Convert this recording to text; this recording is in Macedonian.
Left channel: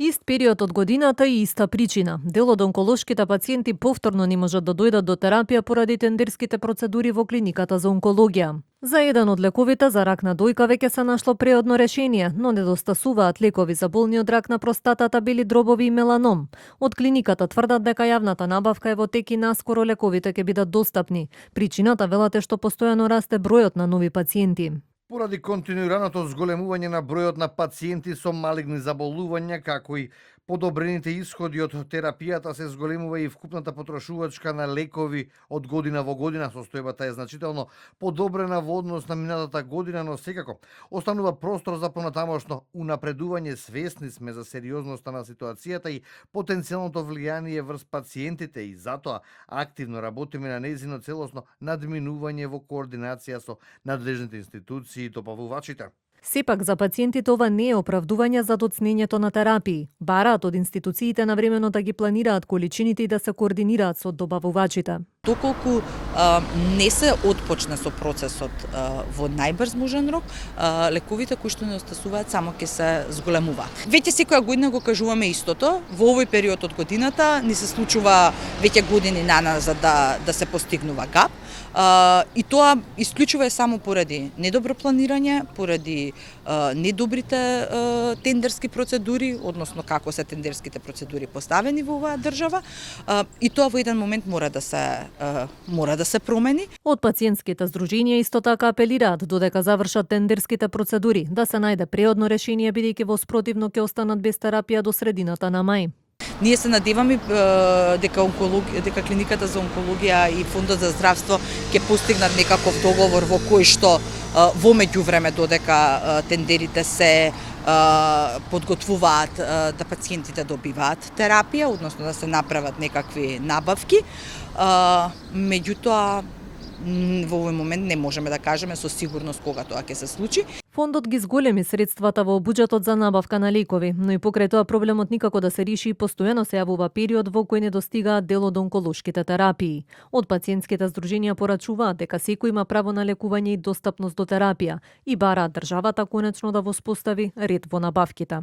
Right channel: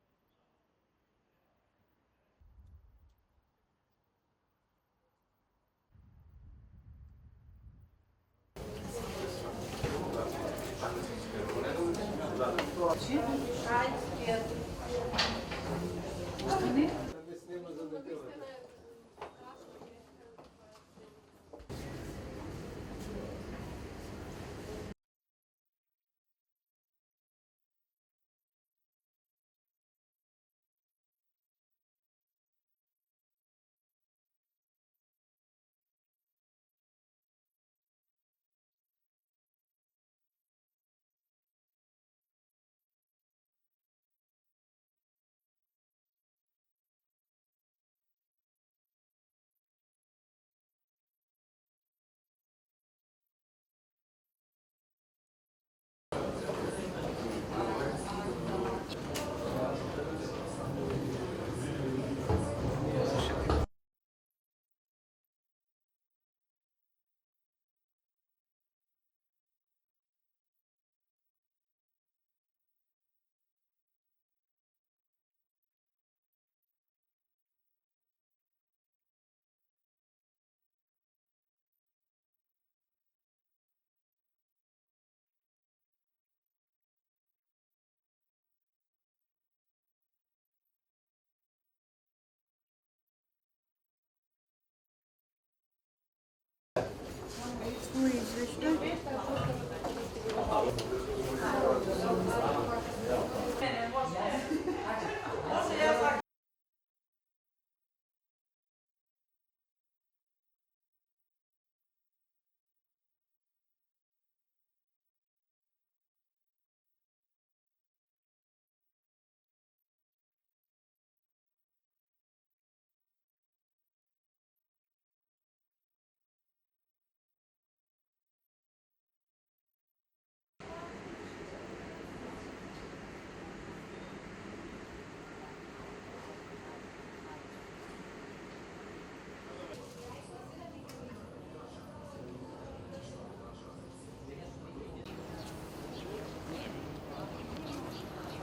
Ист период од годината и иста причина. Дел од онколошките пациенти повторно не можат да дојдат до терапија поради тендерските процедури во клиниката за онкологија. За еден од лековите за рак на дојка веќе се нашло преодно решение, но недостасуваат лекови за болни од рак на простатата, бели дробови и меланом. Од клиниката тврдат дека јавната набавка е во тек и наскоро лековите ќе бидат достапни. Причината велат е што постојано расте бројот на нови пациенти. Поради континуираното зголемување на бројот на пациенти со малигни заболувања, како и подобрените исходи од терапијата, се зголемува и вкупната потрошувачка на лекови од година во година. Состојбата е значително подобрена во однос на минатата година, но секако останува простор за понатамошно унапредување. Свесни сме за сериозноста на ситуацијата и потенцијалното влијание врз пациентите и затоа активно работиме на нејзино целосно надминување во координација со надлежните институции и добавувачите. Сепак за пациентите ова не е оправдување за доцнењето на терапии. Бараат од институциите навремено да ги планираат количините и да се координираат со добавувачите. Доколку не се отпочне со процесот во најбрз можен рок, лековите кои што недостасуваат само ќе се зголемуваат. Веќе секоја година го кажуваме истото. Во овој период од годината ни се случува веќе години наназад да се постигнува гап. И тоа исклучува е само поради недобро планирање, поради недобрите тендерски процедури, односно како се тендерските процедури поставени во оваа држава, и тоа во еден момент мора да се промени. Од пациентските здруженија исто така апелираат додека завршат тендерските процедури да се најде преодно решение, бидејќи во спротивно ќе останат без терапија до средината на мај. Ние се надеваме дека клиниката за онкологија и фондот за здравство ќе постигнат некаков договор во кој што во меѓувреме додека тендерите се подготвуваат да пациентите добиваат терапија, односно да се направат некакви набавки. Меѓутоа, во овој момент не можеме да кажеме со сигурност кога тоа ќе се случи. Фондот ги зголеми средствата во буџетот за набавка на лекови, но и покрај тоа проблемот никако да се реши и постојано се јавува период во кој не достигаат дел од онколошките терапии. Од пациентските здруженија порачуваат дека секој има право на лекување и достапност до терапија и бараат државата конечно да воспостави ред во набавките.